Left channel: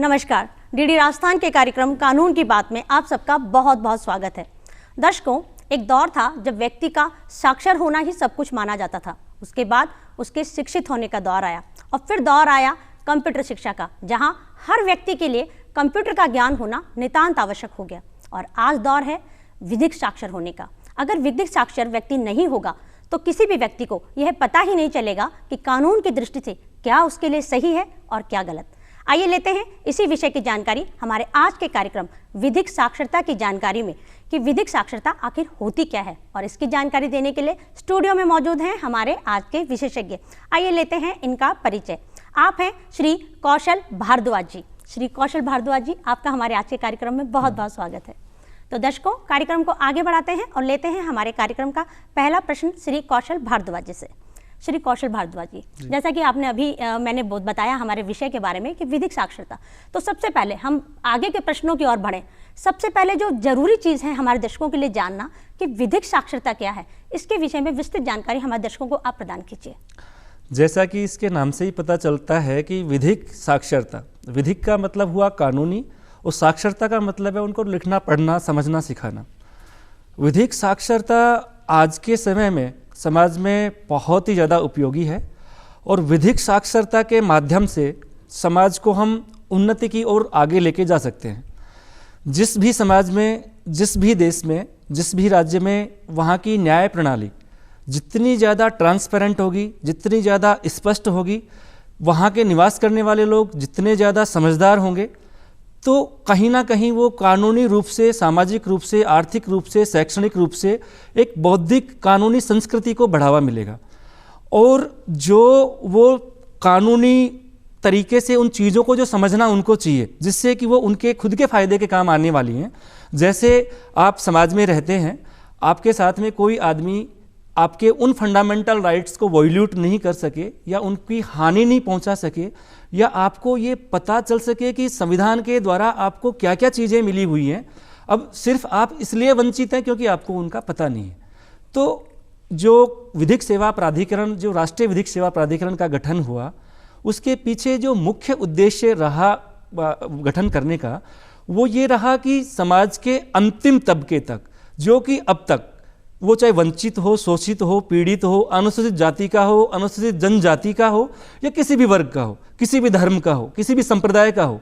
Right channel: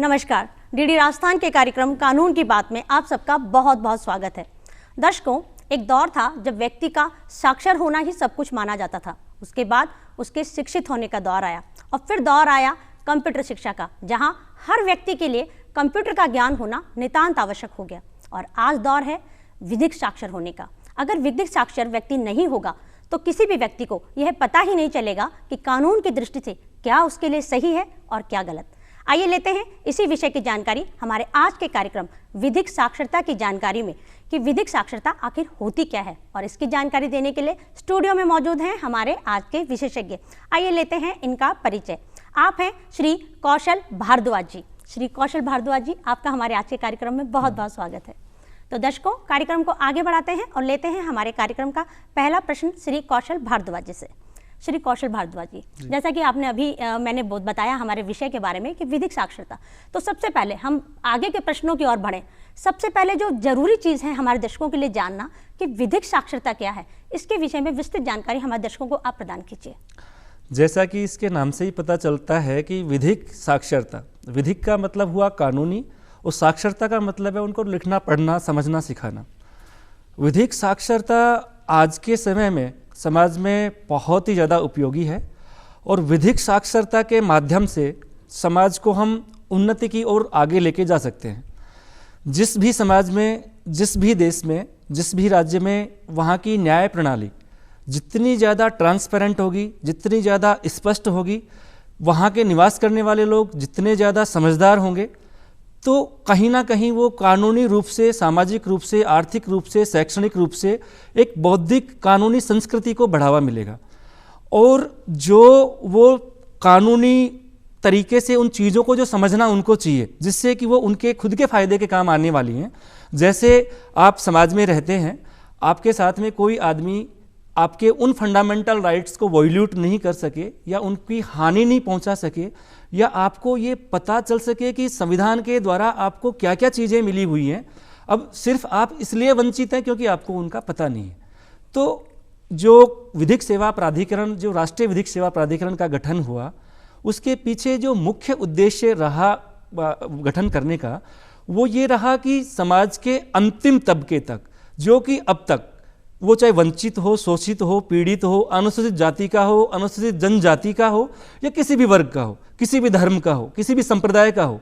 नमस्कार, डीडी राजस्थान के कार्यक्रम कानून की बात में आप सबका बहुत बहुत स्वागत है। दर्शकों, एक दौर था जब व्यक्ति का साक्षर होना ही सब कुछ माना जाता था। उसके बाद उसके शिक्षित होने का दौर आया और फिर दौर आया कंप्यूटर शिक्षा का, जहां हर व्यक्ति के लिए कंप्यूटर का ज्ञान होना नितांत आवश्यक हो गया। और आज दौर है विधिक साक्षर होने का। अगर विधिक साक्षर व्यक्ति नहीं होगा तो किसी भी व्यक्ति को यह पता ही नहीं चलेगा कि कानून की दृष्टि से क्या उसके लिए सही है और क्या गलत। आइए लेते हैं इसी विषय की जानकारी हमारे आज के कार्यक्रम विधिक साक्षरता की जानकारी में कि विधिक साक्षरता आखिर होती क्या है। और इसकी जानकारी देने के लिए स्टूडियो में मौजूद हैं हमारे आज के विशेषज्ञ। आइए लेते हैं इनका परिचय। आप हैं श्री कौशल भारद्वाज जी। श्री कौशल भारद्वाज जी, आपका हमारे आज के कार्यक्रम में बहुत बहुत स्वागत है। तो दर्शकों, कार्यक्रम को आगे बढ़ाते हैं और लेते हैं हमारे कार्यक्रम का पहला प्रश्न श्री कौशल भारद्वाज जी से। श्री कौशल भारद्वाज जी, जैसा कि आपने अभी मैंने बताया हमारे विषय के बारे में कि विधिक साक्षरता, तो सबसे पहले हम आगे के प्रश्नों की ओर बढ़ें। सबसे पहले जो जरूरी चीज़ है हमारे दर्शकों के लिए जानना कि विधिक साक्षरता क्या है, इसके विषय में विस्तृत जानकारी हमारे दर्शकों को आप प्रदान कीजिए। जैसा कि इसके नाम से ही पता चलता है कि विधिक साक्षरता, विधिक का मतलब हुआ कानूनी और साक्षरता का मतलब है उनको लिखना पढ़ना समझना सिखाना। विधिक साक्षरता आज के समय में समाज में बहुत ही ज़्यादा उपयोगी है और विधिक साक्षरता के माध्यम से समाज को हम उन्नति की ओर आगे लेके जा सकते हैं। जिस भी समाज में, जिस भी देश में, जिस भी राज्य में वहाँ की न्याय प्रणाली जितनी ज़्यादा ट्रांसपेरेंट होगी, जितनी ज़्यादा स्पष्ट होगी, वहाँ के निवास करने वाले लोग जितने ज़्यादा समझदार होंगे, तो कहीं ना कहीं वो कानूनी रूप से, सामाजिक रूप से, आर्थिक रूप से, शैक्षणिक रूप से एक बौद्धिक कानूनी संस्कृति को बढ़ावा मिलेगा। और जो वो कानूनी तरीके से उन चीज़ों को जो समझना उनको चाहिए, जिससे कि वो उनके खुद के फायदे के काम आने वाली हैं। जैसे आप समाज में रहते हैं, आपके साथ में कोई आदमी आपके उन फंडामेंटल राइट्स को वॉल्यूट नहीं कर सके या उनकी हानि नहीं पहुंचा सके, या आपको ये पता चल सके कि संविधान के द्वारा आपको क्या क्या चीज़ें मिली हुई हैं, अब सिर्फ आप इसलिए वंचित हैं क्योंकि आपको उनका पता नहीं है। तो जो विधिक सेवा प्राधिकरण, जो राष्ट्रीय विधिक सेवा प्राधिकरण का गठन हुआ, उसके पीछे जो मुख्य उद्देश्य रहा गठन करने का, वो ये रहा कि समाज के अंतिम तबके तक, जो कि अब तक वो चाहे वंचित हो, शोषित हो, पीड़ित हो, अनुसूचित जाति का हो, अनुसूचित जनजाति का हो, या किसी भी वर्ग का हो, किसी भी धर्म का हो, किसी भी संप्रदाय का हो,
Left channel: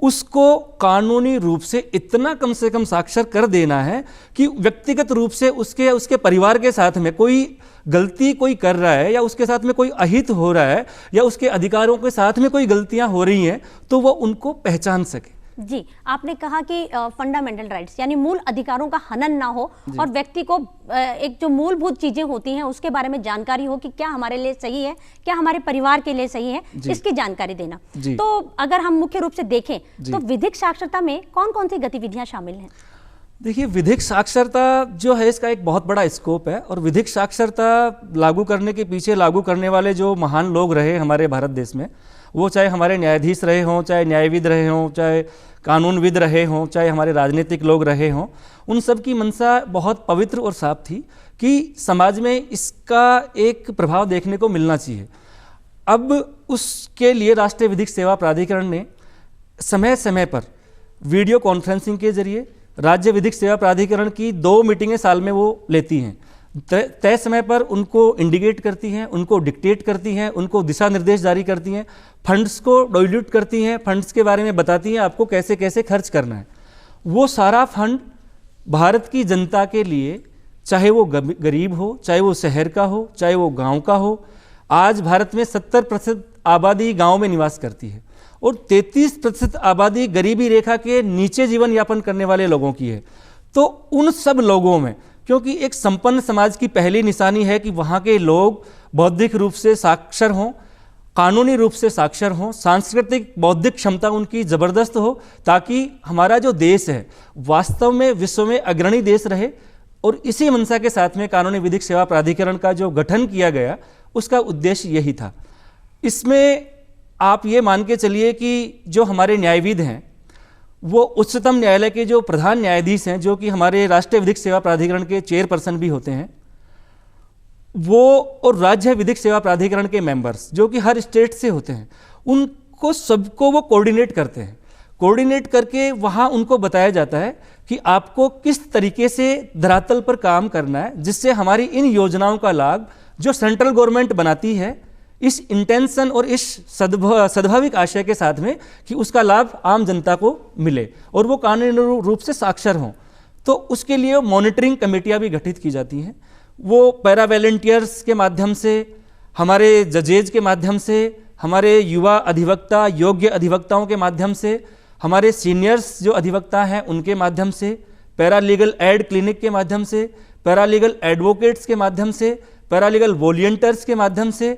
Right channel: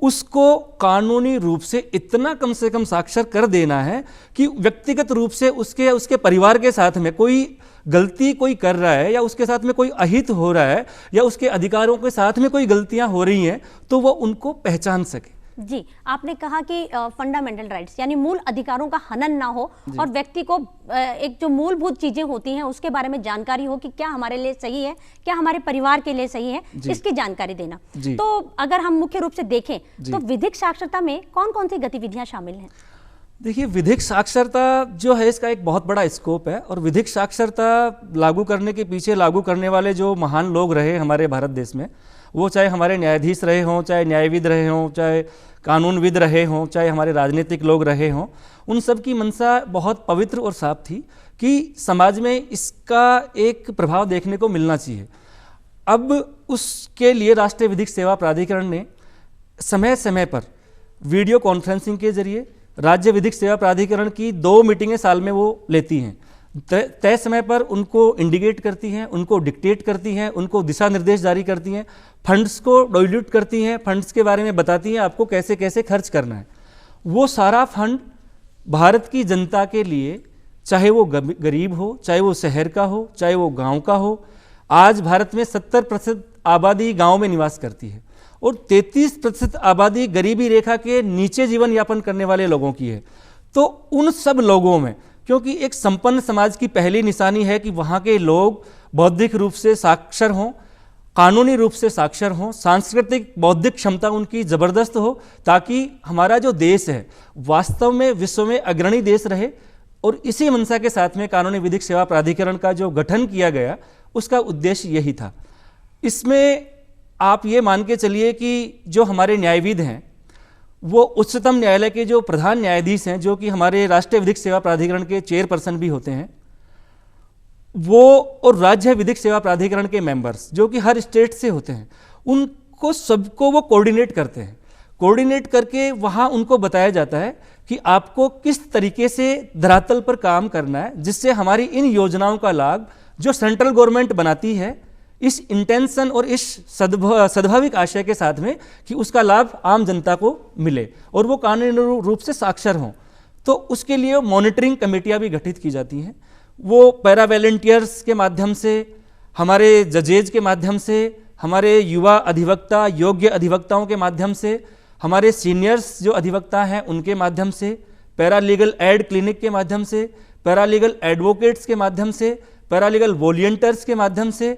उसको कानूनी रूप से इतना कम से कम साक्षर कर देना है कि व्यक्तिगत रूप से उसके परिवार के साथ में कोई गलती कोई कर रहा है, या उसके साथ में कोई अहित हो रहा है, या उसके अधिकारों के साथ में कोई गलतियां हो रही हैं, तो वो उनको पहचान सके। जी, आपने कहा कि फंडामेंटल राइट्स यानी मूल अधिकारों का हनन ना हो और व्यक्ति को एक जो मूलभूत चीजें होती हैं उसके बारे में जानकारी हो कि क्या हमारे लिए सही है, क्या हमारे परिवार के लिए सही है, इसकी जानकारी देना। तो अगर हम मुख्य रूप से देखें तो विधिक साक्षरता में कौन कौन सी गतिविधियां शामिल हैं? देखिए, विधिक साक्षरता जो है इसका एक बहुत बड़ा स्कोप है, और विधिक साक्षरता लागू करने के पीछे लागू करने वाले जो महान लोग रहे हमारे भारत देश में, वो चाहे हमारे न्यायाधीश रहे हों, चाहे न्यायविद रहे हों, चाहे कानूनविद रहे हों, चाहे हमारे राजनीतिक लोग रहे हों, उन सब की मंशा बहुत पवित्र और साफ थी कि समाज में इसका एक प्रभाव देखने को मिलना चाहिए। अब उसके लिए राष्ट्रीय विधिक सेवा प्राधिकरण ने समय समय पर वीडियो कॉन्फ्रेंसिंग के जरिए, राज्य विधिक सेवा प्राधिकरण की 2 मीटिंगें साल में वो लेती हैं, तय समय पर उनको इंडिकेट करती हैं, उनको डिक्टेट करती हैं, उनको दिशा निर्देश जारी करती हैं, फंड्स को डाइल्यूट करती हैं, फंड्स के बारे में बताती हैं आपको कैसे कैसे खर्च करना है। वो सारा फंड भारत की जनता के लिए, चाहे वो गरीब हो, चाहे वो शहर का हो, चाहे वो गांव का हो। आज भारत में 70% आबादी गांव में निवास करती है और 33% आबादी गरीबी रेखा के नीचे जीवन यापन करने वाले लोगों की है। तो उन सब लोगों में, क्योंकि एक संपन्न समाज की पहली निशानी है कि वहाँ के लोग बौद्धिक रूप से साक्षर हों, कानूनी रूप से साक्षर हों, सांस्कृतिक बौद्धिक क्षमता उनकी ज़बरदस्त हो, ताकि हमारा जो देश है वास्तव में विश्व में अग्रणी देश रहे। और इसी मंशा के साथ में कानूनी विधिक सेवा प्राधिकरण का जो गठन किया गया, उसका उद्देश्य यही था। इसमें आप ये मान के चलिए कि जो हमारे न्यायविद हैं, वो उच्चतम न्यायालय के जो प्रधान न्यायाधीश हैं, जो कि हमारे राष्ट्रीय विधिक सेवा प्राधिकरण के चेयरपर्सन भी होते हैं, वो और राज्य विधिक सेवा प्राधिकरण के मेंबर्स जो कि हर स्टेट से होते हैं, उनको सबको वो कोऑर्डिनेट करते हैं। कोऑर्डिनेट करके वहाँ उनको बताया जाता है कि आपको किस तरीके से धरातल पर काम करना है, जिससे हमारी इन योजनाओं का लाभ जो सेंट्रल गवर्नमेंट बनाती है इस इंटेंशन और इस सद्भाविक आशय के साथ में कि उसका लाभ आम जनता को मिले और वो कानूनी रूप से साक्षर हों, तो उसके लिए मॉनिटरिंग कमेटियां भी गठित की जाती हैं। वो पैरा वॉलंटियर्स के माध्यम से, हमारे जजेज के माध्यम से, हमारे युवा अधिवक्ता, योग्य अधिवक्ताओं के माध्यम से, हमारे सीनियर्स जो अधिवक्ता हैं उनके माध्यम से, पैरालीगल एड क्लिनिक के माध्यम से, पैरालीगल एडवोकेट्स के माध्यम से, पैरालीगल वॉलंटियर्स के माध्यम से,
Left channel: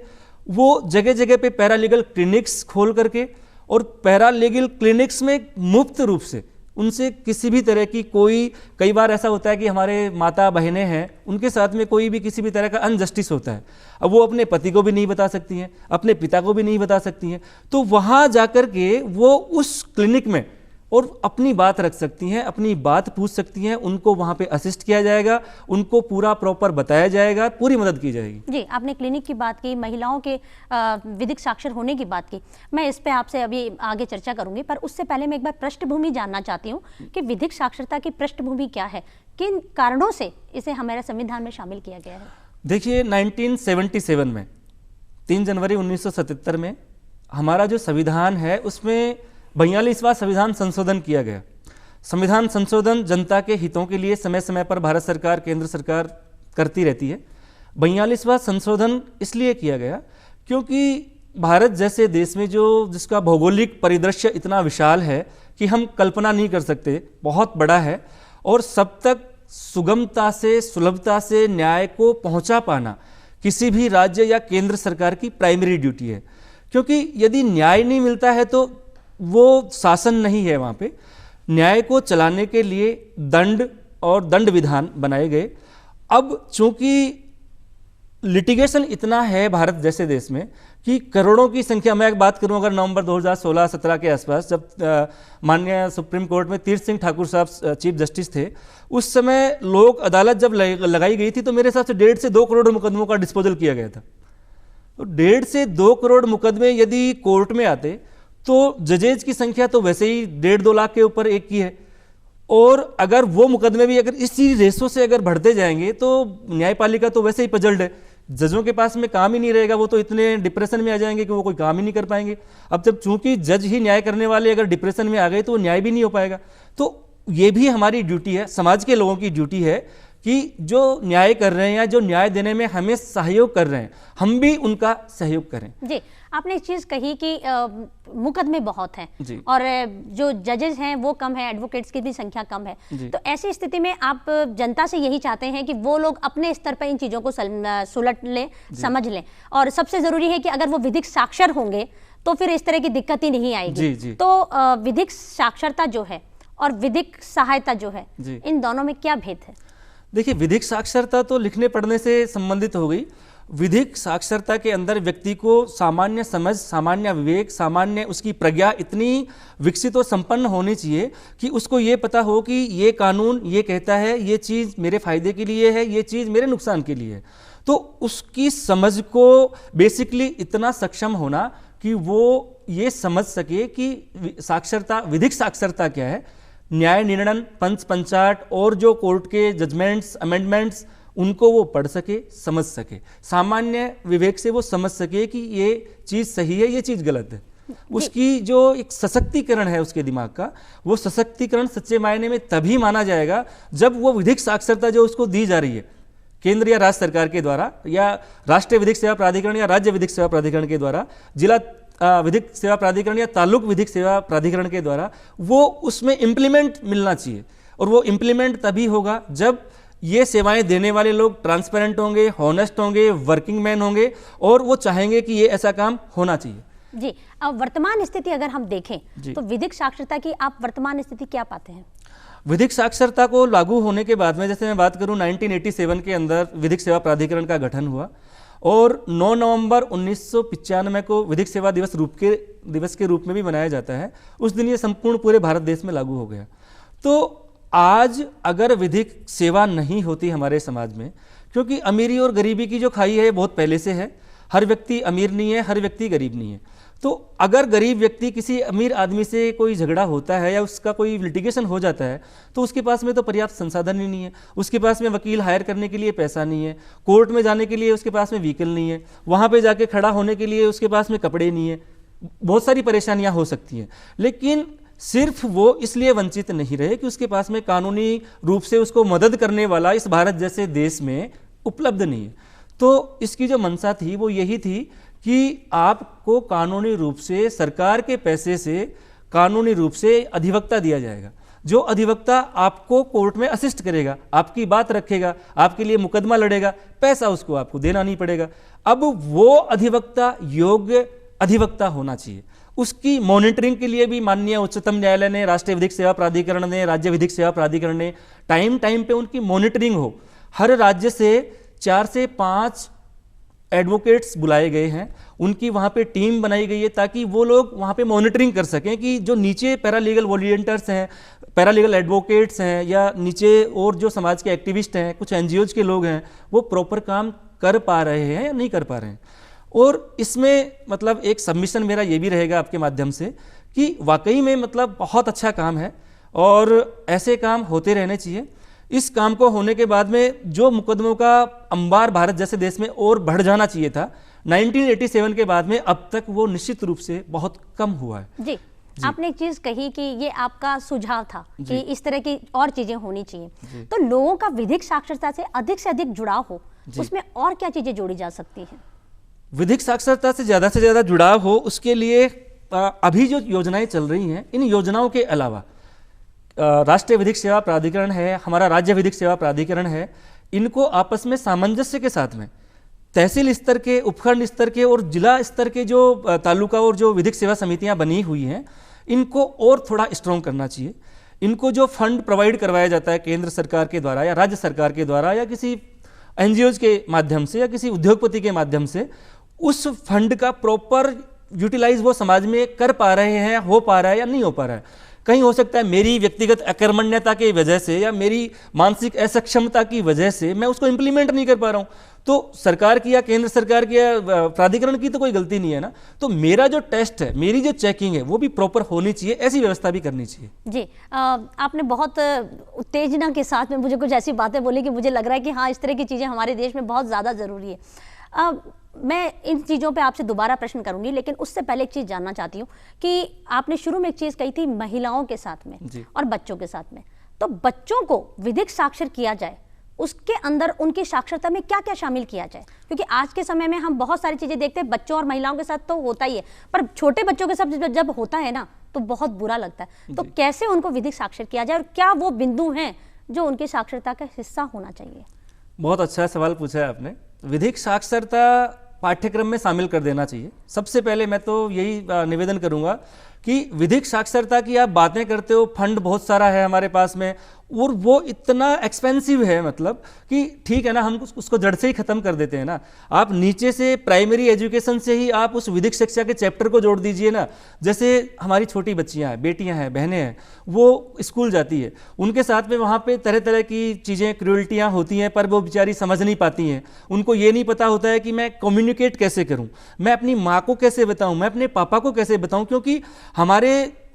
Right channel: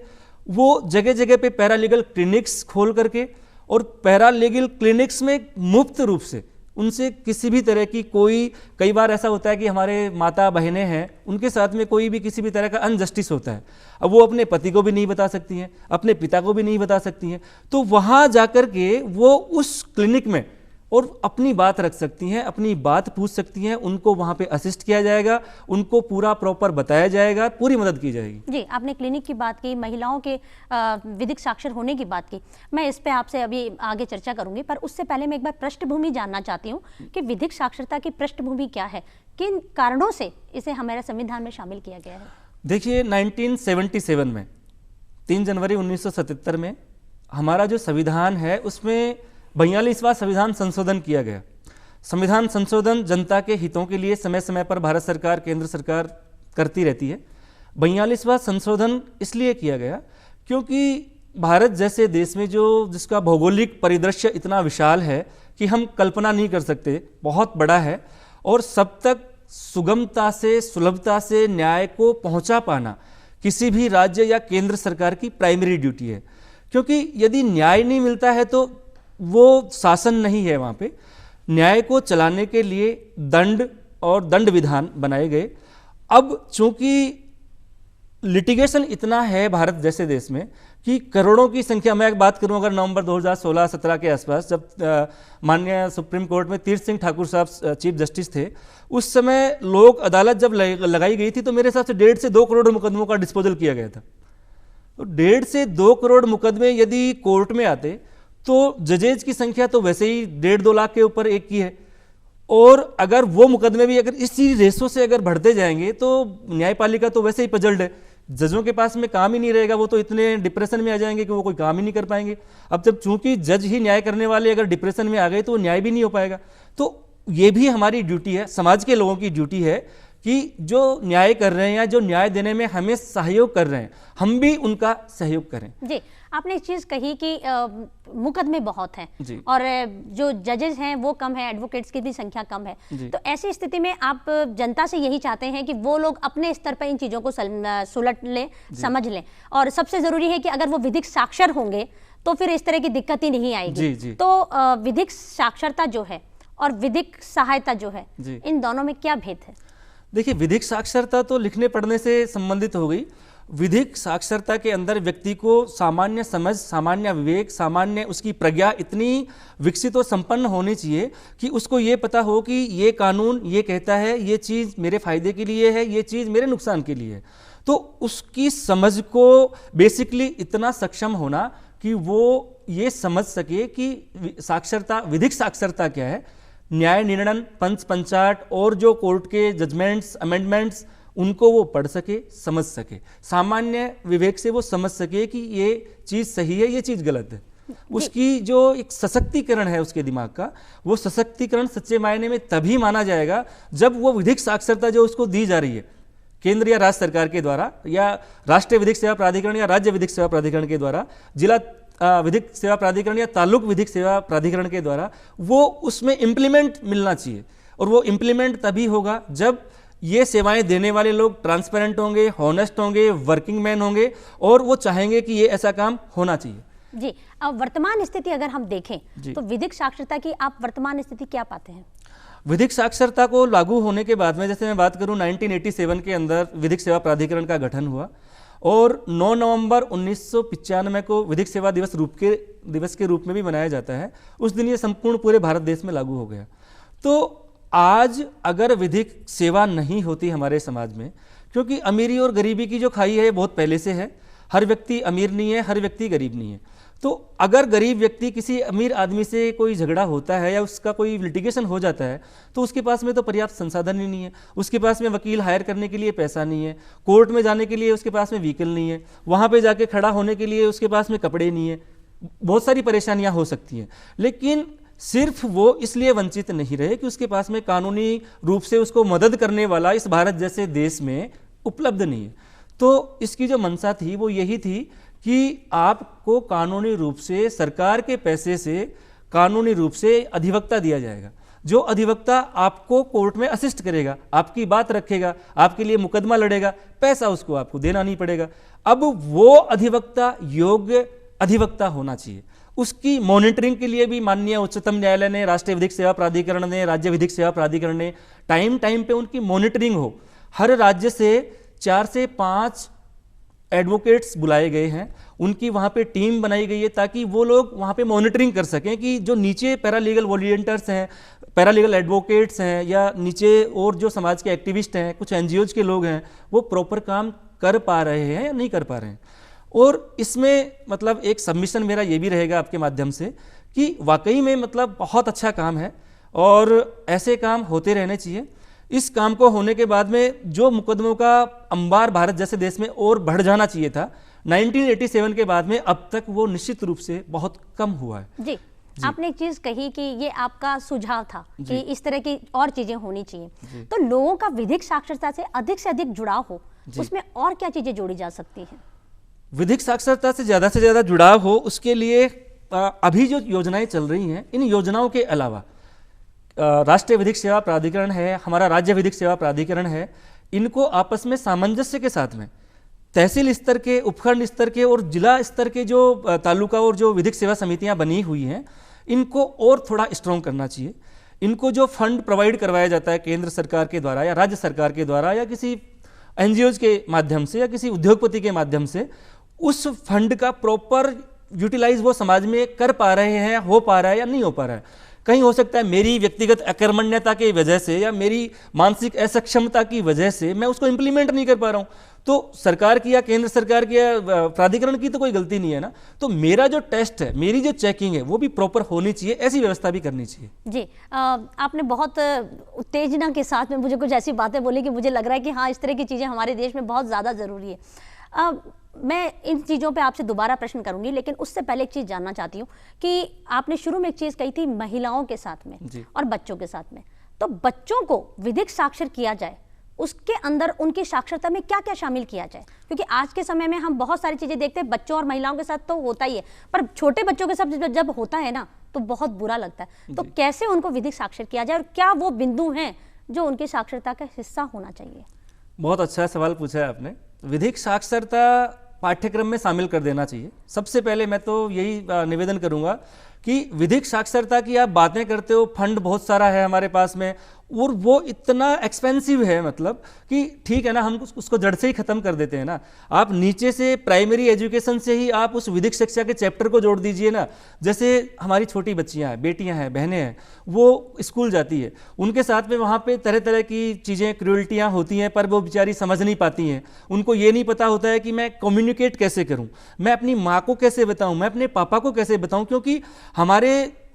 वो जगह जगह पे पैरालीगल क्लिनिक्स खोल करके, और पैरालीगल क्लिनिक्स में मुफ्त रूप से उनसे किसी भी तरह की कई बार ऐसा होता है कि हमारे माता बहनें हैं, उनके साथ में कोई भी किसी भी तरह का अनजस्टिस होता है, अब वो अपने पति को भी नहीं बता सकती हैं, अपने पिता को भी नहीं बता सकती हैं, तो वहाँ जाकर के वो उस क्लिनिक में और अपनी बात रख सकती हैं, अपनी बात पूछ सकती हैं, उनको वहाँ पे असिस्ट किया जाएगा, उनको पूरा प्रॉपर बताया जाएगा, पूरी मदद की जाएगी। जी, आपने क्लिनिक की बात की, महिलाओं के विधिक साक्षर होने की बात की, मैं इस पे आपसे अभी आगे चर्चा करूंगी, पर उससे पहले मैं एक बार पृष्ठभूमि जानना चाहती हूँ कि विधिक साक्षरता की पृष्ठभूमि क्या है, किन कारणों से इसे हमारे संविधान में शामिल किया गया है? देखिए, 1977 में 3 जनवरी 1977 में हमारा जो संविधान है उसमें 42वां संविधान संशोधन किया गया। संविधान संशोधन जनता के हितों के लिए समय समय पर भारत सरकार, केंद्र सरकार करती रहती है। 42वां संशोधन इसलिए किया गया क्योंकि भारत जैसे देश में जिसका भौगोलिक परिदृश्य इतना विशाल है कि हम कल्पना नहीं कर सकते, बहुत बड़ा है, और सब तक सुगमता से, सुलभता से न्याय को पहुंचा पाना किसी भी राज्य या केंद्र सरकार की प्राइमरी ड्यूटी है। क्योंकि यदि न्याय नहीं मिलता है तो वो शासन नहीं है। वहाँ पे न्याय को चलाने के लिए दंड और दंड विधान बनाए गए। अब चूंकि लिटिगेशन इतना है भारत जैसे देश में कि करोड़ों की संख्या, मैं एक बात करूं, अगर नवंबर 2016-17 के आसपास जब माननीय सुप्रीम कोर्ट में तीर्थ सिंह ठाकुर साहब चीफ जस्टिस थे, उस समय लोक अदालत जब लगाई गई थी तो मेरे हिसाब से 1.5 से 2 करोड़ मुकदमों का डिस्पोजल किया गया था। तो 1.5 से 2 करोड़ मुकदमे यदि कोर्ट में आते तो जजेज की संख्या तो वैसे ही 1.5-2 लाख के ऊपर एक की है, और अगर वो मुकदमे भी अगर इसी रेशो से अगर बढ़ते जाएंगे तो न्यायपालिका तो वैसे ही पजल्ड है, जजों के पास में काम ही नहीं रहेगा, वो तो इतने डिप्रेशन में आ जाएंगे कि वो कोई काम ही नहीं कर पाएंगे। अब जब चूंकि जज ही न्याय करने वाले अगर डिप्रेशन में आ गए तो न्याय भी नहीं हो पाएगा। तो ये भी हमारी ड्यूटी है, समाज के लोगों की ड्यूटी है कि जो न्याय कर रहे हैं या जो न्याय देने में हमें सहयोग कर रहे हैं, हम भी उनका सहयोग करें। जी, आपने एक चीज कही कि मुकदमे बहुत हैं और जो जजेस हैं वो कम है, एडवोकेट्स की भी संख्या कम है, तो ऐसी स्थिति में आप जनता से यही चाहते हैं कि वो लोग अपने स्तर पर इन चीजों को सुलट लें, समझ लें, और सबसे जरूरी है कि अगर वो विधिक साक्षर होंगे तो फिर इस तरह की दिक्कत ही नहीं आएगी। तो विधिक साक्षरता जो है और विधिक सहायता जो है, इन दोनों में क्या भेद है? देखिए, विधिक साक्षरता तो लिखने पढ़ने से संबंधित हो गई। विधिक साक्षरता के अंदर व्यक्ति को सामान्य समझ, सामान्य विवेक, सामान्य उसकी प्रज्ञा इतनी विकसित और संपन्न होनी चाहिए कि उसको ये पता हो कि ये कानून ये कहता है, ये चीज़ मेरे फायदे के लिए है, ये चीज़ मेरे नुकसान के लिए है। तो उसकी समझ को बेसिकली इतना सक्षम होना कि वो ये समझ सके कि साक्षरता, विधिक साक्षरता क्या है, न्याय निर्णय, पंच पंचाट और जो कोर्ट के जजमेंट्स, अमेंडमेंट्स, उनको वो पढ़ सके, समझ सके, सामान्य विवेक से वो समझ सके कि ये चीज़ सही है, ये चीज़ गलत है। उसकी जो एक सशक्तिकरण है उसके दिमाग का, वो सशक्तिकरण सच्चे मायने में तभी माना जाएगा जब वो विधिक साक्षरता जो उसको दी जा रही है केंद्र या राज्य सरकार के द्वारा, या राष्ट्रीय विधिक सेवा प्राधिकरण या राज्य विधिक सेवा प्राधिकरण के द्वारा, जिला विधिक सेवा प्राधिकरण या तालुक विधिक सेवा प्राधिकरण के द्वारा, वो उसमें इम्प्लीमेंट मिलना चाहिए। और वो इम्प्लीमेंट तभी होगा जब ये सेवाएं देने वाले लोग ट्रांसपेरेंट होंगे, हॉनेस्ट होंगे, वर्किंग मैन होंगे, और वो चाहेंगे कि ये ऐसा काम होना चाहिए। जी, अब वर्तमान स्थिति अगर हम देखें तो विधिक साक्षरता की आप वर्तमान स्थिति क्या पाते हैं? विधिक साक्षरता को लागू होने के बाद में, जैसे मैं बात करूं, 1987 के अंदर विधिक सेवा प्राधिकरण का गठन हुआ और 9 नवंबर 1995 को विधिक सेवा दिवस के रूप में भी मनाया जाता है। उस दिन ये संपूर्ण पूरे भारत देश में लागू हो गया। तो आज अगर विधिक सेवा नहीं होती हमारे समाज में, क्योंकि अमीरी और गरीबी की जो खाई है बहुत पहले से है, हर व्यक्ति अमीर नहीं है, हर व्यक्ति गरीब नहीं है, तो अगर गरीब व्यक्ति किसी अमीर आदमी से कोई झगड़ा होता है या उसका कोई लिटिगेशन हो जाता है तो उसके पास में तो पर्याप्त संसाधन ही नहीं है, उसके पास में वकील हायर करने के लिए पैसा नहीं है, कोर्ट में जाने के लिए उसके पास में व्हीकल नहीं है, वहाँ पे जाके खड़ा होने के लिए उसके पास में कपड़े नहीं है, बहुत सारी परेशानियाँ हो सकती हैं। लेकिन सिर्फ वो इसलिए वंचित नहीं रहे कि उसके पास में कानूनी रूप से उसको मदद करने वाला इस भारत जैसे देश में उपलब्ध नहीं है। तो इसकी जो मंशा थी वो यही थी कि आपको कानूनी रूप से सरकार के पैसे से कानूनी रूप से अधिवक्ता दिया जाएगा, जो अधिवक्ता आपको कोर्ट में असिस्ट करेगा, आपकी बात रखेगा, आपके लिए मुकदमा लड़ेगा, पैसा उसको आपको देना नहीं पड़ेगा। अब वो अधिवक्ता योग्य अधिवक्ता होना चाहिए। उसकी मॉनिटरिंग के लिए भी माननीय उच्चतम न्यायालय ने, राष्ट्रीय विधिक सेवा प्राधिकरण ने, राज्य विधिक सेवा प्राधिकरण ने टाइम पे उनकी मॉनिटरिंग हो। हर राज्य से 4 से 5 एडवोकेट्स बुलाए गए हैं, उनकी वहाँ पे टीम बनाई गई है ताकि वो लोग वहाँ पे मॉनिटरिंग कर सकें कि जो नीचे पैरालीगल वॉलंटियर्स हैं, पैरालीगल एडवोकेट्स हैं या नीचे और जो समाज के एक्टिविस्ट हैं, कुछ एनजीओज के लोग हैं, वो प्रॉपर काम कर पा रहे हैं या नहीं कर पा रहे हैं। और इसमें मतलब एक सबमिशन मेरा ये भी रहेगा आपके माध्यम से कि वाकई में मतलब बहुत अच्छा काम है और ऐसे काम होते रहने चाहिए। इस काम को होने के बाद में जो मुकदमों का अंबार भारत जैसे देश में और बढ़ जाना चाहिए था 1987 के बाद में, अब तक वो निश्चित रूप से बहुत कम हुआ है। जी, आपने एक चीज कही कि ये आपका सुझाव था कि इस तरह की और चीजें होनी चाहिए। तो लोगों का विधिक साक्षरता से अधिक जुड़ाव हो, उसमें और क्या चीजें जोड़ी जा सकती हैं? विधिक साक्षरता से ज़्यादा जुड़ाव हो उसके लिए अभी जो योजनाएं चल रही हैं, इन योजनाओं के अलावा राष्ट्रीय विधिक सेवा प्राधिकरण है, हमारा राज्य विधिक सेवा प्राधिकरण है, इनको आपस में सामंजस्य के साथ में तहसील स्तर के, उपखंड स्तर के और जिला स्तर के जो तालुका और जो विधिक सेवा समितियां बनी हुई हैं, इनको और थोड़ा स्ट्रॉन्ग करना चाहिए। इनको जो फंड प्रोवाइड करवाया जाता है केंद्र सरकार के द्वारा या राज्य सरकार के द्वारा या किसी एनजीओज के माध्यम से या किसी उद्योगपति के माध्यम से, उस फंड का प्रॉपर यूटिलाइज वो समाज में कर पा रहे हैं, हो पा रहा है या नहीं हो पा रहा है। कहीं हो सकता है मेरी व्यक्तिगत अकर्मण्यता की वजह से या मेरी मानसिक असक्षमता की वजह से मैं उसको इंप्लीमेंट नहीं कर पा रहा हूँ, तो सरकार की या केंद्र सरकार की या प्राधिकरण की तो कोई गलती नहीं है ना। तो मेरा जो टेस्ट है, मेरी जो चेकिंग है वो भी प्रॉपर होनी चाहिए, ऐसी व्यवस्था भी करनी चाहिए। जी, आपने बहुत उत्तेजना के साथ में मुझे कुछ ऐसी बातें बोली कि मुझे लग रहा है कि हाँ, इस तरह की चीज़ें हमारे देश में बहुत ज़्यादा ज़रूरी है। मैं इन चीज़ों पे आपसे दोबारा प्रश्न करूंगी, लेकिन उससे पहले एक चीज़ जानना चाहती हूँ कि आपने शुरू में एक चीज़ कही थी महिलाओं के साथ में और बच्चों के साथ में। तो बच्चों को विधिक साक्षर किया जाए, उसके अंदर उनकी साक्षरता में क्या क्या शामिल किया जाए? क्योंकि आज के समय में हम बहुत सारी चीज़ें देखते हैं, बच्चों और महिलाओं के साथ तो होता ही है, पर छोटे बच्चों के साथ जब होता है ना तो बहुत बुरा लगता है। तो कैसे उनको विधिक साक्षर किया जाए और क्या वो बिंदु हैं जो उनकी साक्षरता का हिस्सा होना चाहिए? बहुत अच्छा सवाल पूछा है आपने। विधिक साक्षरता पाठ्यक्रम में शामिल कर देना चाहिए। सबसे पहले मैं तो यही निवेदन करूंगा कि विधिक साक्षरता की आप बातें करते हो, फंड बहुत सारा है हमारे पास में और वो इतना एक्सपेंसिव है, मतलब कि ठीक है ना, हम उसको जड़ से ही खत्म कर देते हैं ना। आप नीचे से प्राइमरी एजुकेशन से ही आप उस विधिक शिक्षा के चैप्टर को जोड़ दीजिए ना। जैसे हमारी छोटी बच्चियां हैं, बेटियां हैं, बहनें हैं, वो स्कूल जाती है, उनके साथ में वहाँ पे तरह तरह की चीज़ें, क्रूअल्टियाँ होती हैं, पर वो बेचारी समझ नहीं पाती हैं। उनको ये नहीं पता होता है कि मैं कम्युनिकेट कैसे करूँ, मैं अपनी माँ को कैसे बताऊँ, मैं अपने पापा को कैसे बताऊँ, क्योंकि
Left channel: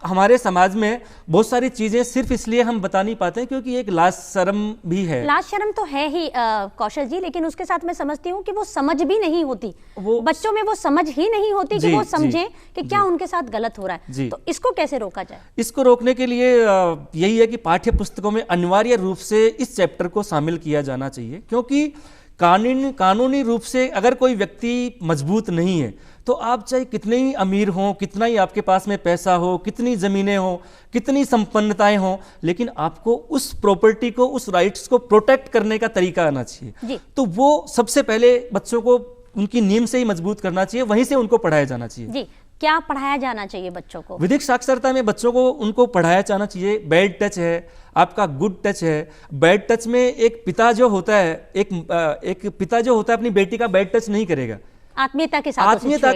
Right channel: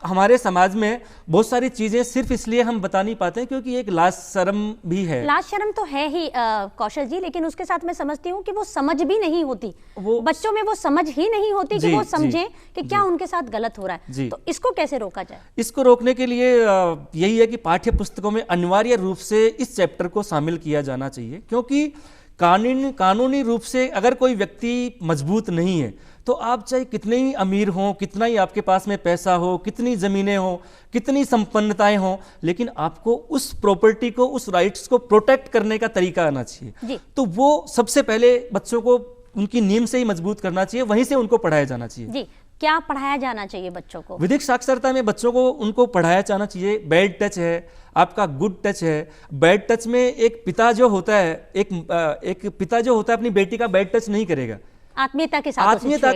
हमारे समाज में बहुत सारी चीजें सिर्फ इसलिए हम बता नहीं पाते हैं क्योंकि एक लाज शर्म भी है। लाज शर्म तो है ही कौशल जी, लेकिन उसके साथ मैं समझती हूँ कि वो समझ भी नहीं होती, बच्चों में वो समझ ही नहीं होती कि वो समझे कि क्या उनके साथ गलत हो रहा है। तो इसको कैसे रोका जाए? इसको रोकने के लिए यही है कि पाठ्य पुस्तकों में अनिवार्य रूप से इस चैप्टर को शामिल किया जाना चाहिए, क्योंकि कानूनी रूप से अगर कोई व्यक्ति मजबूत नहीं है तो आप चाहे कितने ही अमीर हों, कितना ही आपके पास में पैसा हो, कितनी ज़मीनें हो, कितनी संपन्नताएं हों, लेकिन आपको उस प्रॉपर्टी को, उस राइट्स को प्रोटेक्ट करने का तरीका आना चाहिए। तो वो सबसे पहले बच्चों को उनकी नींव से ही मजबूत करना चाहिए, वहीं से उनको पढ़ाया जाना चाहिए। जी, क्या पढ़ाया जाना चाहिए बच्चों को? विधिक साक्षरता में बच्चों को उनको पढ़ाया जाना चाहिए, बैड टच है, आपका गुड टच है। बैड टच में एक पिता जो होता है, एक पिता जो होता है अपनी बेटी का बैड टच नहीं करेगा, आत्मीयता के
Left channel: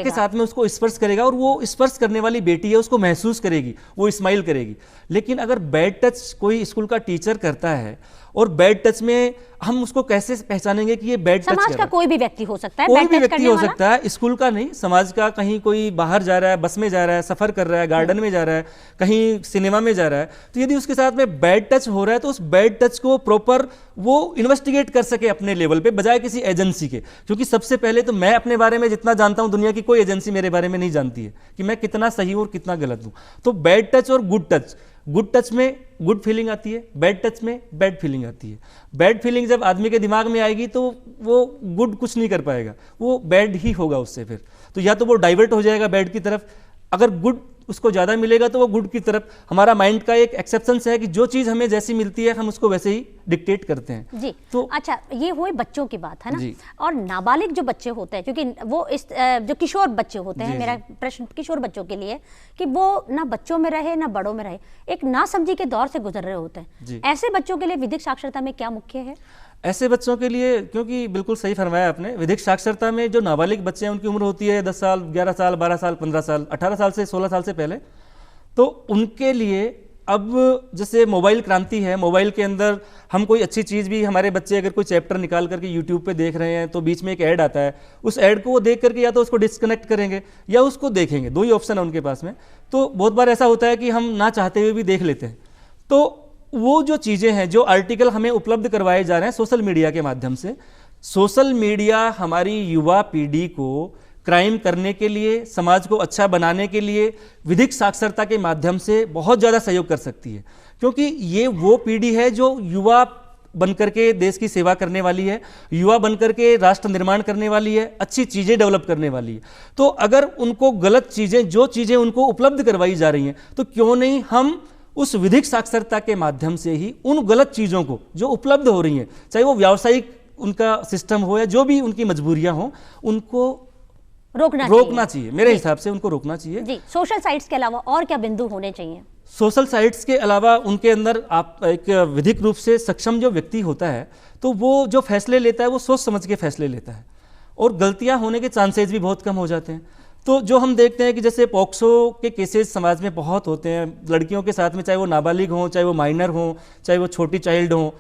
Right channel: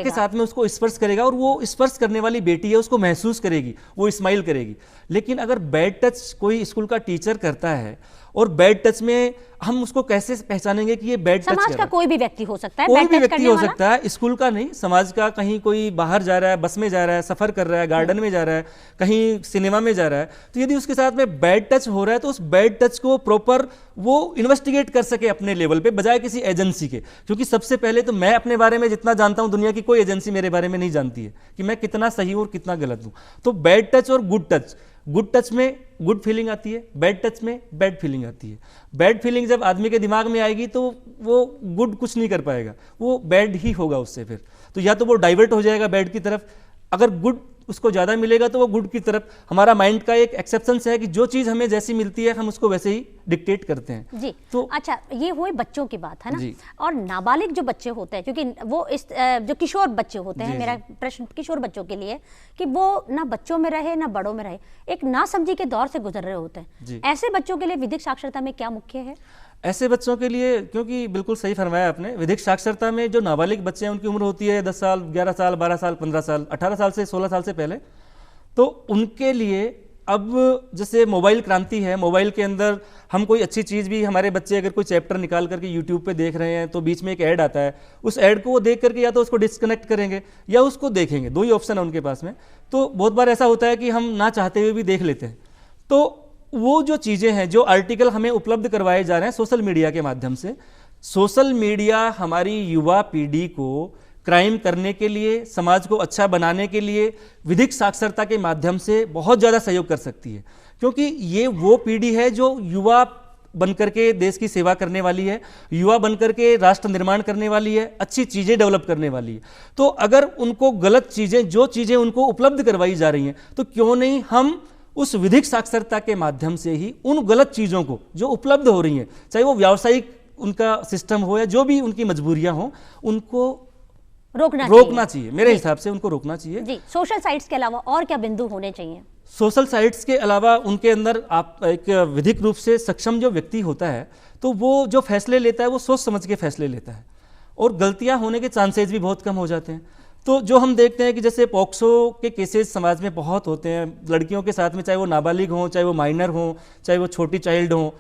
साथ में उसको स्पर्श करेगा, और वो स्पर्श करने वाली बेटी है उसको महसूस करेगी, वो स्माइल करेगी। लेकिन अगर बैड टच कोई स्कूल का टीचर करता है और बैड टच में हम उसको कैसे पहचानेंगे कि ये बैड टच समाज का कोई भी व्यक्ति हो सकता है, कोई बैड भी टच व्यक्ति करने हो वाला। सकता है, स्कूल का नहीं, समाज का, कहीं कोई बाहर जा रहा है, बस में जा रहा है, सफर कर रहा है, गार्डन में जा रहा है, कहीं सिनेमा में जा रहा है, तो यदि उसके साथ में बैड टच हो रहा है तो उस बैड टच को प्रॉपर वो इन्वेस्टिगेट कर सके अपने लेवल पे, बजाय किसी एजेंसी के। क्योंकि सबसे पहले तो मैं अपने बारे में जितना जानता हूं, दुनिया की कोई एजेंसी मेरे बारे में नहीं जानती है कि मैं कितना सही हूं और कितना गलत हूं। तो बैड टच और गुड टच में गुड फीलिंग आती है, बैड टच में बैड फीलिंग आती है। बैड फीलिंग जब आदमी के दिमाग में आएगी तो वो गुड कुछ नहीं कर पाएगा, वो बैड ही होगा उससे फिर। तो या तो वो डाइवर्ट हो जाएगा बैड की तरफ, अगर गुड उसको ज़्यादा मिलेगा तो वो गुड की तरफ। हमारा माइंड का एक एक्सेप्शन है कि जो चीज़ हमें जैसी मिलती है हम उसको वैसे ही डिक्टेट करते हैं जी। तो अच्छा, ये हुए बच्चों की बात है ना, जी। और नाबालिग जो बच्चे होते हैं, क्योंकि वो इस जो किशोर बच्चे होते हैं, जी, मेरा प्रश्न किशोर बच्चों के लिए कि वो ना बच्चों में रहे ना बड़ों में रहे, एक नासमझी के दौर से गुजर रहे होते जी। हैं। ऐसे बच्चों के लिए विधिक साक्षरता में क्या मुख्य है? ऐसे बच्चों के लिए, क्योंकि बिल्कुल सही फरमाया आपने, विधिक साक्षरता में जो नाबालिग बच्चे हैं उनकी उम्र होती है 10 साल, 11 साल, 12 साल, 15 साल, 18 साल से 16 साल से पहले। तो उनके लिए अब जैसे मोबाइल क्रांति है, मोबाइल के अंदर हम कोई अच्छी चीज़ भी, हमारे बच्चे अगर कोई चैप्टर निकाल करके यूट्यूब पे देख रहे हैं तो बीच में एक ऐड आता है, उस ऐड को वो देख करके या तो उसको डिस्कनेक्ट करेंगे या उसको देखेंगे, दो ही ऑप्शन है उनके पास में। तो बहुत बार ऐसा होता है कि हम ना चाहते हुए भी देख लेते हैं। तो वो जो चीज़ें हैं, जो आर्टिकल हमें उपलब्ध करवाए जा रहे हैं सोशल मीडिया के माध्यम से, सोशल मीडिया हमारी युवा पीढ़ी को क्राइम करने के लिए, समाज को अच्छा बनाने के लिए विधिक साक्षरता के माध्यम से बहुत ज़्यादा सहयोग कर सकती है। क्योंकि ये वो पीढ़ी है जो युवा बनकर के देश की सेवा करने वाली है, युवा बनकर के राष्ट्र निर्माण करने वाली है, अच्छी चीज़ें डेवलप करने वाली है। तो अगर उनको गलत चीज़ें, जो चीज़ें उनको उपलब्ध करवाई जा रही हैं, तो क्यों नहीं हम उस विधिक साक्षरता के माध्यम से ही उन गलत चीज़ों को जो उपलब्ध हो रही हैं, चाहे वो व्यावसायिक उनका सिस्टम हो या जो भी उनकी मजबूरियां हो, उनको रोकना चाहिए। मेरे हिसाब से उनको रोकना चाहिए। जी। सोशल साइट्स के अलावा और क्या बिंदु होने चाहिए? सोशल साइट्स के अलावा उनके अंदर आप एक विधिक रूप से सक्षम जो व्यक्ति होता है, तो वो जो फैसले लेता है वो सोच समझ के फैसले लेता है और गलतियां होने के चांसेस भी बहुत कम हो जाते हैं। तो जो हम देखते हैं कि जैसे पॉक्सो के केसेस समाज में बहुत होते हैं लड़कियों के साथ में, चाहे वो नाबालिग हो, चाहे वो माइनर हो, चाहे वो छोटी चाइल्ड हो,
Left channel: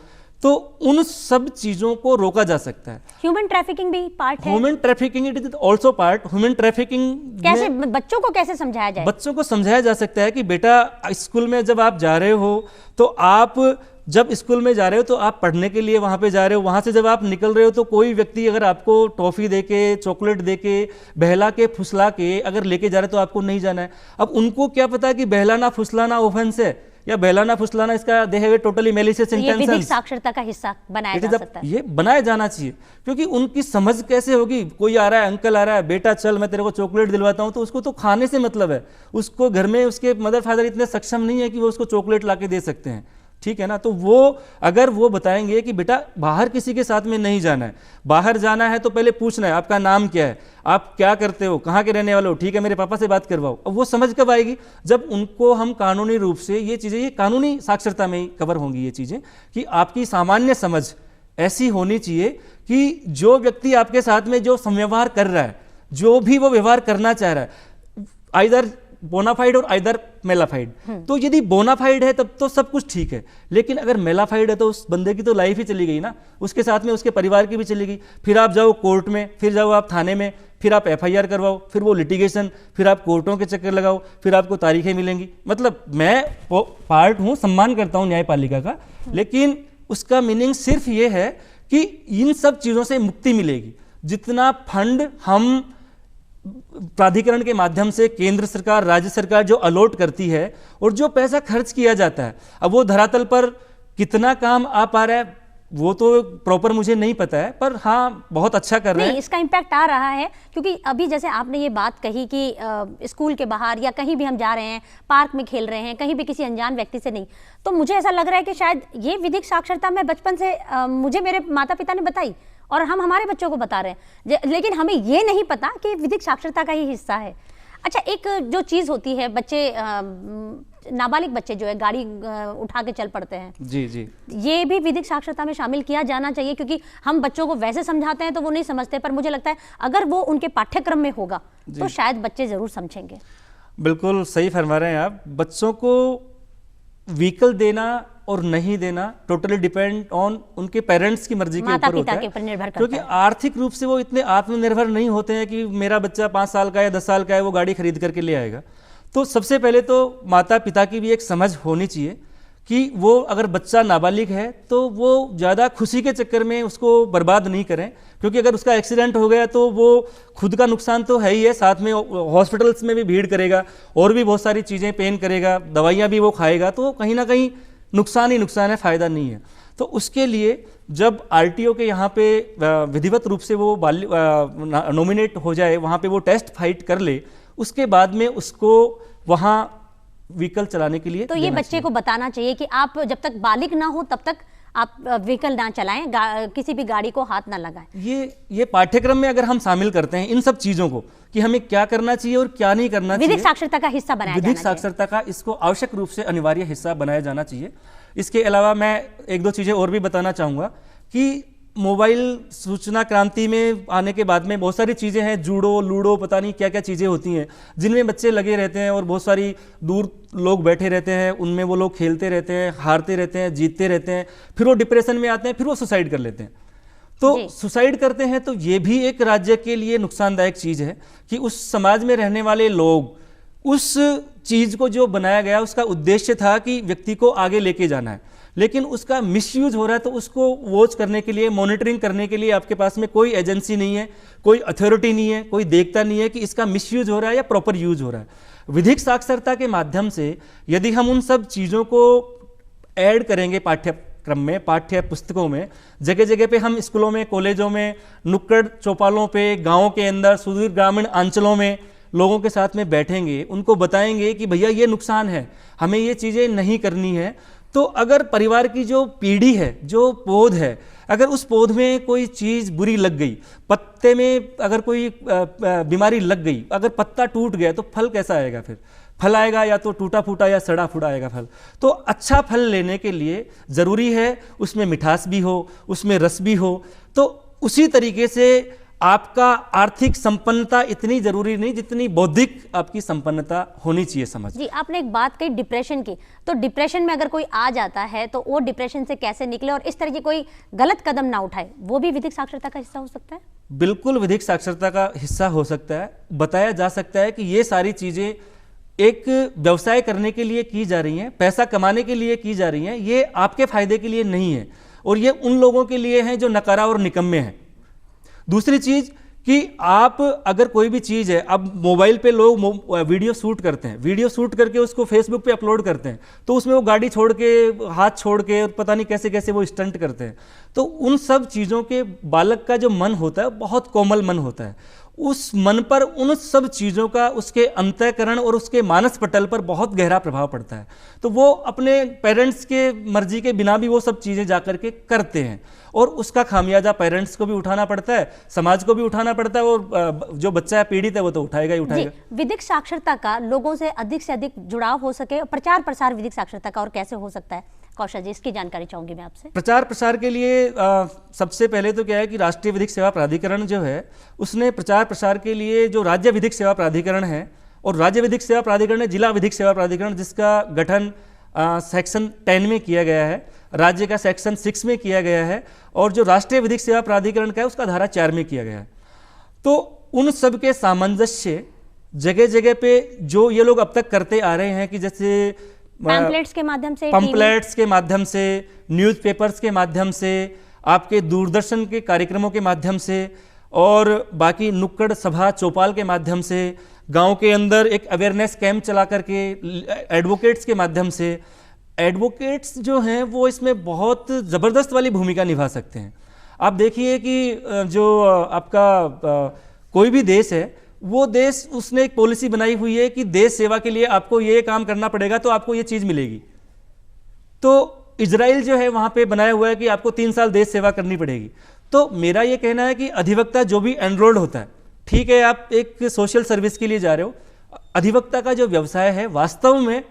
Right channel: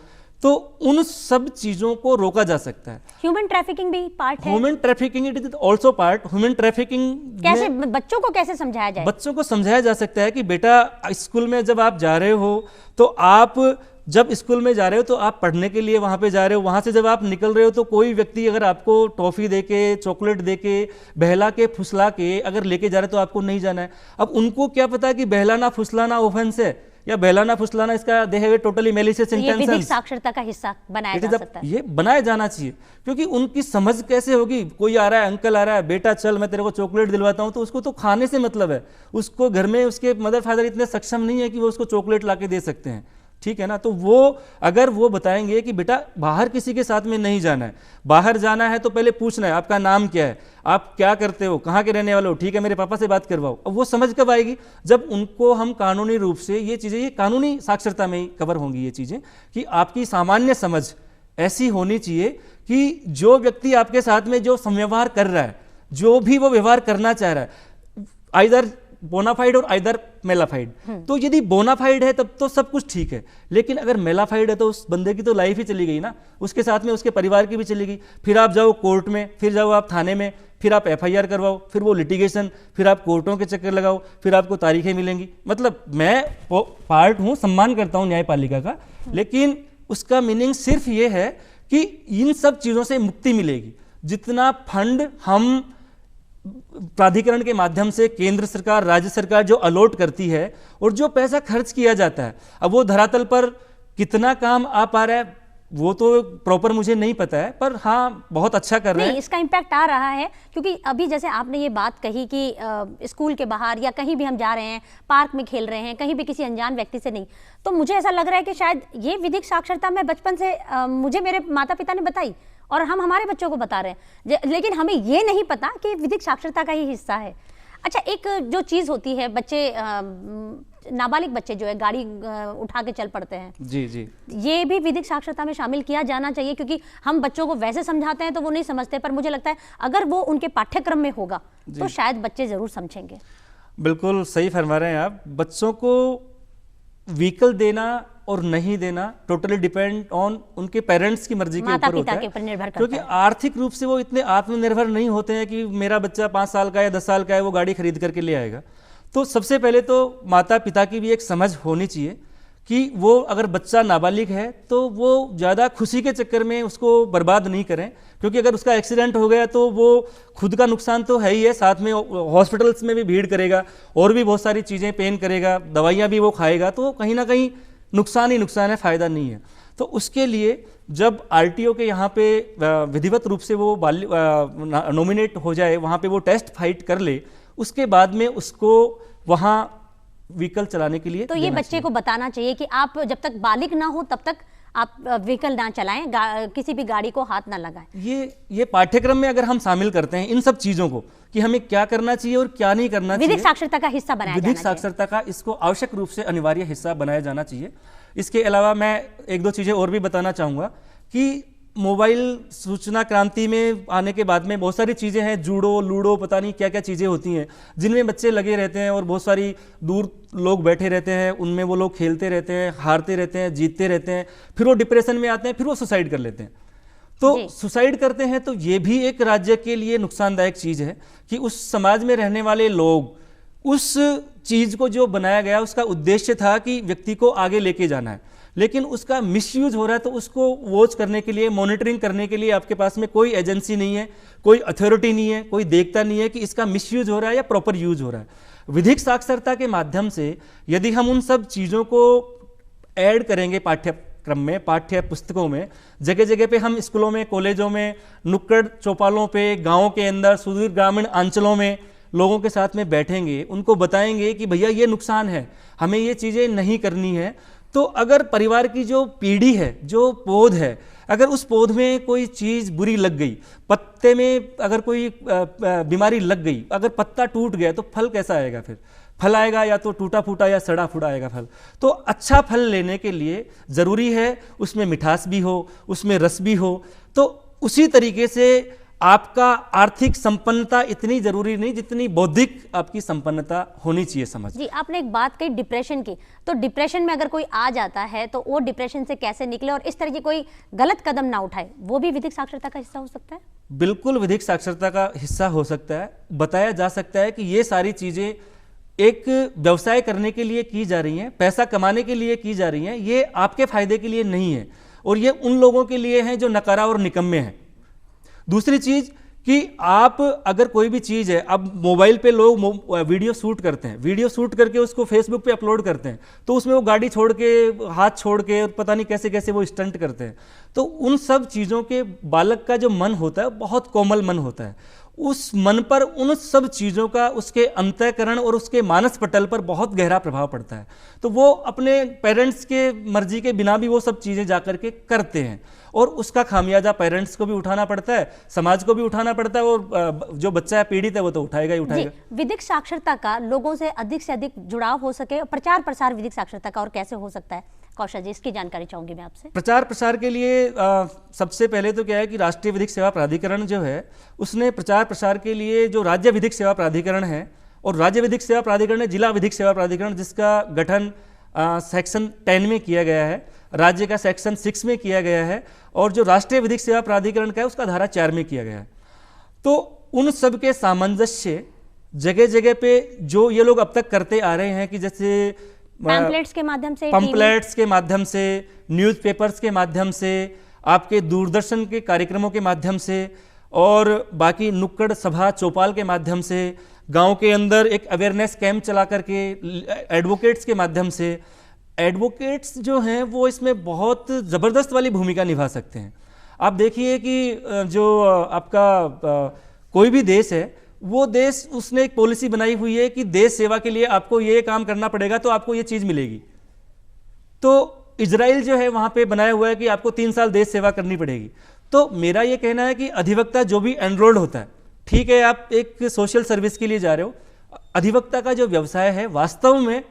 तो उन सब चीज़ों को रोका जा सकता है। ह्यूमन ट्रैफिकिंग भी पार्ट है। Human trafficking it is also part. Human trafficking कैसे बच्चों को कैसे समझाया जाए? बच्चों को समझाया जा सकता है कि बेटा स्कूल में जब आप जा रहे हो तो आप जब स्कूल में जा रहे हो तो आप पढ़ने के लिए वहाँ पे जा रहे हो, वहाँ से जब आप निकल रहे हो तो कोई व्यक्ति अगर आपको टॉफ़ी दे के, चॉकलेट दे के, बहला के, फुसला के अगर लेके जा रहे तो आपको नहीं जाना है। अब उनको क्या पता कि बहलाना फुसलाना ऑफेंस है या बहलाना फुसलाना इसका they have a totally malicious intentions. ये विधिक साक्षरता का हिस्सा बनाया जा सकता है। ये बनाया जाना चाहिए, क्योंकि उनकी समझ कैसे होगी? कोई आ रहा है, अंकल आ रहा है, बेटा चल मैं तेरे को चॉकलेट दिलवाता हूँ, तो उसको तो खाने से मतलब है। उसको घर में उसके मदर फादर इतने सक्षम नहीं है कि वो उसको चॉकलेट ला के दे सकते हैं, ठीक है ना। तो वो अगर वो बताएंगे कि बेटा बाहर किसी के साथ में नहीं जाना है, बाहर जाना है तो पहले पूछना है आपका नाम क्या है, आप क्या करते हो, कहाँ के रहने वाले हो, ठीक है मेरे पापा से बात करवाओ। अब वो समझ कब आएगी? जब उनको हम कानूनी रूप से ये चीज़ें, ये कानूनी साक्षरता में ही कवर होंगी ये चीज़ें, कि आपकी सामान्य समझ ऐसी होनी चाहिए कि जो व्यक्ति आपके साथ में जो संव्यवहार कर रहा है, जो भी वो व्यवहार करना चाह रहा है, आइदर बोनाफाइड और आइदर मेलाफाइड। तो यदि बोनाफाइड है तब तो सब कुछ ठीक है, लेकिन अगर मेलाफाइड है तो उस बंदे की तो लाइफ ही चली गई ना, उसके साथ में उसके परिवार की भी चली गई। फिर आप जाओ कोर्ट में, फिर जाओ आप थाने में, फिर आप FIR करवाओ, फिर वो लिटिगेशन, फिर आप कोर्टों के चक्कर लगाओ, फिर आपको तारीखें मिलेंगी। मतलब मैं पार्ट हूँ, सम्मान करता हूँ न्यायपालिका का, लेकिन उसका मीनिंग सिर्फ ये है कि इन सब चीज़ों से मुक्ति मिलेगी। जितना फंड हम प्राधिकरण के माध्यम से केंद्र सरकार, राज्य सरकार जो अलॉट करती है और जो पैसा खर्च किया जाता है, अब वो धरातल पर कितना काम आ पा रहा है वो तो प्रॉपर मुझे नहीं पता है, पर हाँ बहुत अच्छा कर रहे हैं। इसका इम्पैक्ट आ रहा है, क्योंकि अभी जैसे आपने ये बात कही कि स्कूल के बाहर या कहीं भी हम जा रहे हैं, पार्क में खेल रहे हैं, कहीं भी किसी अनजान व्यक्ति से नहीं, तो मुझे ऐसा लग रहा है कि शायद ये विधिक साक्षरता मैं बचपन से मुझे मेरे माता पिता ने बताई और हम हमारे बच्चों को बता रहे हैं, लेकिन हमें ये नहीं पता कि विधिक साक्षरता का ही हिस्सा है। अच्छा, एक जो चीज़ होती है, बच्चे नाबालिग बच्चे जो है गाड़ी उठा के चल पड़ते हैं, जी जी, ये भी विधिक साक्षरता में शामिल किया जाना चाहिए, क्योंकि हम बच्चों को वैसे समझाते हैं तो वो नहीं समझते, पर मुझे लगता है अगर वो उनके पाठ्यक्रम में होगा तो शायद बच्चे जरूर समझेंगे। बिल्कुल सही फरमा रहे हैं आप। बच्चों को व्हीकल देना और नहीं देना टोटली डिपेंड ऑन उनके पेरेंट्स की मर्जी के माता ऊपर होता पिता के ऊपर निर्भर है, करता क्योंकि है। आर्थिक रूप से वो इतने आत्मनिर्भर नहीं होते हैं कि मेरा बच्चा 5 साल का या 10 साल का है वो गाड़ी खरीद करके ले आएगा। तो सबसे पहले तो माता पिता की भी एक समझ होनी चाहिए कि वो अगर बच्चा नाबालिग है तो वो ज़्यादा खुशी के चक्कर में उसको बर्बाद नहीं करें, क्योंकि अगर उसका एक्सीडेंट हो गया तो वो खुद का नुकसान तो है ही है, साथ में हॉस्पिटल्स में भी भीड़ करेगा और भी बहुत सारी चीज़ें पेन करेगा, दवाइयाँ भी वो खाएगा, तो कहीं ना कहीं नुकसान ही नुकसान है, फ़ायदा नहीं है। तो उसके लिए जब आरटीओ के यहाँ पे विधिवत रूप से वो नॉमिनेट हो जाए, वहाँ पे वो टेस्ट फाइट कर ले, उसके बाद में उसको वहाँ व्हीकल चलाने के लिए तो ये बच्चे को बताना चाहिए कि आप जब तक बालिग ना हो तब तक आप व्हीकल ना चलाएं, किसी भी गाड़ी को हाथ ना लगाएं। ये पाठ्यक्रम में अगर हम शामिल करते हैं इन सब चीजों को कि हमें क्या करना चाहिए और क्या नहीं करना चाहिए, विधिक साक्षरता का हिस्सा बनाया विधिक जाना चाहिए। साक्षरता का इसको आवश्यक रूप से अनिवार्य हिस्सा बनाया जाना चाहिए। इसके अलावा मैं एक दो चीजें और भी बताना चाहूंगा कि मोबाइल सूचना क्रांति में आने के बाद में बहुत सारी चीज़ें हैं, जूडो लूडो पता नहीं क्या क्या चीज़ें होती हैं जिनमें बच्चे लगे रहते हैं और बहुत सारी दूर लोग बैठे रहते हैं, उनमें वो लोग खेलते रहते हैं, हारते रहते हैं, जीतते रहते हैं, फिर वो डिप्रेशन में आते हैं, फिर वो सुसाइड कर लेते हैं। तो सुसाइड करते हैं तो ये भी एक राज्य के लिए नुकसानदायक चीज़ है कि उस समाज में रहने वाले लोग उस चीज़ को जो बनाया गया उसका उद्देश्य था कि व्यक्ति को आगे लेके जाना है, लेकिन उसका मिसयूज हो रहा है। तो उसको वॉच करने के लिए, मॉनिटरिंग करने के लिए आपके पास में कोई एजेंसी नहीं है, कोई अथॉरिटी नहीं है, कोई देखता नहीं है कि इसका मिसयूज हो रहा है या प्रॉपर यूज हो रहा है। विधिक साक्षरता के माध्यम से यदि हम उन सब चीज़ों को ऐड करेंगे पाठ्यक्रम में, पाठ्य पुस्तकों में, जगह जगह पे हम स्कूलों में, कॉलेजों में, नुक्कड़ चौपालों पे, गाँव के अंदर, सुदूर ग्रामीण अंचलों में लोगों के साथ में बैठेंगे, उनको बताएंगे कि भैया ये नुकसान है, हमें ये चीज़ें नहीं करनी है। तो अगर परिवार की जो पीढ़ी है, जो पौध है, अगर उस पौध में कोई चीज़ बुरी लग गई, पत्ते में अगर कोई बीमारी लग गई, अगर पत्ता टूट गया तो फल कैसा आएगा? फिर फल आएगा या तो टूटा फूटा या सड़ा फूटा आएगा फल। तो अच्छा फल लेने के लिए ज़रूरी है उसमें मिठास भी हो, उसमें रस भी हो। तो उसी तरीके से आपका आर्थिक संपन्नता इतनी जरूरी नहीं जितनी बौद्धिक आपकी संपन्नता होनी चाहिए समझ। जी, आपने एक बात कही डिप्रेशन की, तो डिप्रेशन में अगर कोई आ जाता है तो वो डिप्रेशन से कैसे निकले और इस तरह की कोई गलत कदम ना उठाए, वो भी विधिक साक्षरता का हिस्सा हो सकता है? बिल्कुल विधिक साक्षरता का हिस्सा हो सकता है। बताया जा सकता है कि ये सारी चीजें एक व्यवसाय करने के लिए की जा रही हैं, पैसा कमाने के लिए की जा रही हैं, ये आपके फायदे के लिए नहीं है और ये उन लोगों के लिए है जो नकारा और निकम्मे हैं। दूसरी चीज कि आप अगर कोई भी चीज है, अब मोबाइल पे लोग वीडियो शूट करते हैं, वीडियो शूट करके उसको फेसबुक पे अपलोड करते हैं, तो उसमें वो गाड़ी छोड़ के, हाथ छोड़ के, पता नहीं कैसे कैसे वो स्टंट करते हैं। तो उन सब चीजों के बालक का जो मन होता है बहुत कोमल मन होता है, उस मन पर उन सब चीज़ों का उसके अंतःकरण और उसके मानस पटल पर बहुत गहरा प्रभाव पड़ता है। तो वो अपने पेरेंट्स के मर्जी के बिना भी वो सब चीज़ें जाकर के करते हैं और उसका खामियाजा पेरेंट्स को भी उठाना पड़ता है, समाज को भी उठाना पड़ता है और जो बच्चा पीड़ित है वो तो उठाएगा ही उठाएगा। विधिक साक्षरता का लोगों से अधिक जुड़ाव हो सके, प्रचार प्रसार विधिक साक्षरता का और कैसे हो सकता है? कौशल जी, इसकी जानकारी चाहूंगी मैं आपसे। प्रचार प्रसार के लिए सबसे पहले तो क्या है कि राष्ट्रीय विधिक सेवा प्राधिकरण जो है उसने प्रचार प्रसार के लिए जो राज्य विधिक सेवा प्राधिकरण है और राज्य विधिक सेवा प्राधिकरण है जिला विधिक सेवा प्राधिकरण, जिसका गठन सेक्शन 10 में किया गया है, राज्य का सेक्शन 6 में किया गया है और जो राष्ट्रीय विधिक सेवा प्राधिकरण का है उसका धारा 4 में किया गया है। तो उन सब के सामंजस्य जगह जगह पे जो ये लोग अब तक करते आ रहे हैं कि जैसे पैम्पलेट्स के माध्यम से, न्यूज़पेपर्स के माध्यम से, आपके दूरदर्शन के कार्यक्रमों के माध्यम से और बाकी नुक्कड़ सभा चौपाल के माध्यम से, गांव के अंदर एक अवेयरनेस कैंप चला करके, एडवोकेट्स के माध्यम से। एडवोकेट्स जो हैं वो इसमें बहुत ज़बरदस्त वाली भूमिका निभा सकते हैं। आप देखिए कि जो आपका कोई भी देश है, वो देश उसने एक पॉलिसी बनाई हुई है कि देश सेवा के लिए आपको ये काम करना पड़ेगा तो आपको ये चीज़ मिलेगी। तो इजराइल जो है वहाँ पे बनाया हुआ है कि आपको 3 साल देश सेवा करनी पड़ेगी। तो मेरा ये कहना है कि अधिवक्ता जो भी एनरोल्ड होता है, ठीक है आप एक सोशल सर्विस के लिए जा रहे हो, अधिवक्ता का जो व्यवसाय है वास्तव में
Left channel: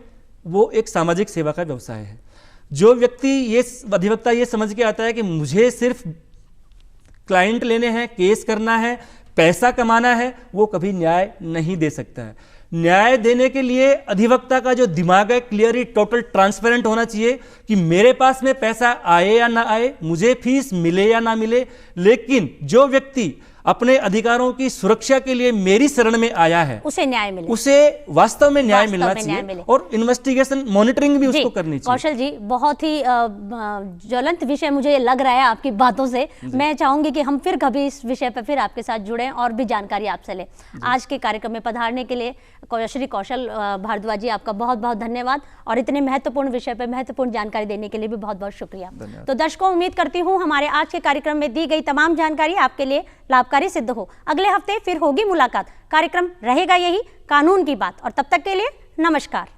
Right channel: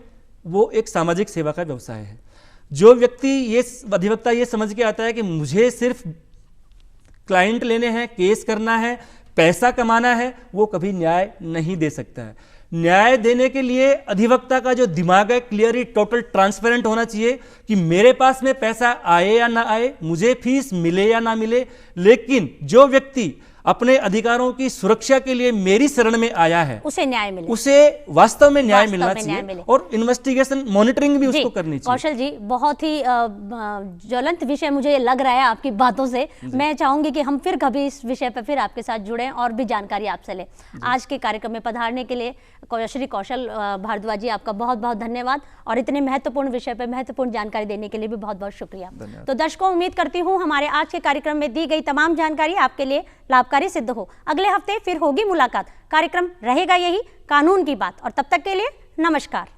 वो एक सामाजिक सेवा का व्यवसाय है। जो व्यक्ति ये अधिवक्ता ये समझ के आता है कि मुझे सिर्फ क्लाइंट लेने हैं, केस करना है, पैसा कमाना है, वो कभी न्याय नहीं दे सकता है। न्याय देने के लिए अधिवक्ता का जो दिमाग है क्लियरली टोटल ट्रांसपेरेंट होना चाहिए कि मेरे पास में पैसा आए या ना आए, मुझे फीस मिले या ना मिले, लेकिन जो व्यक्ति अपने अधिकारों की सुरक्षा के लिए मेरी शरण में आया है उसे न्याय मिले, उसे वास्तव में न्याय मिलना न्याय चाहिए मिले। और इन्वेस्टिगेशन मॉनिटरिंग भी उसको करनी चाहिए। कौशल जी, बहुत ही ज्वलंत विषय मुझे लग रहा है आपकी बातों से। मैं चाहूंगी कि हम फिर कभी इस विषय पर फिर आपके साथ जुड़ें और भी जानकारी आपसे लें। आज के कार्यक्रम में पधारने के लिए श्री कौशल भारद्वाज जी, आपका बहुत बहुत धन्यवाद और इतने महत्वपूर्ण विषय पर महत्वपूर्ण जानकारी देने के लिए भी बहुत बहुत शुक्रिया। तो दर्शकों, उम्मीद करती हूँ हमारे आज के कार्यक्रम में दी गई तमाम जानकारी आपके लिए लाभकारी सिद्ध हो। अगले हफ्ते फिर होगी मुलाकात। कार्यक्रम रहेगा यही, कानून की बात, और तब तक के लिए नमस्कार।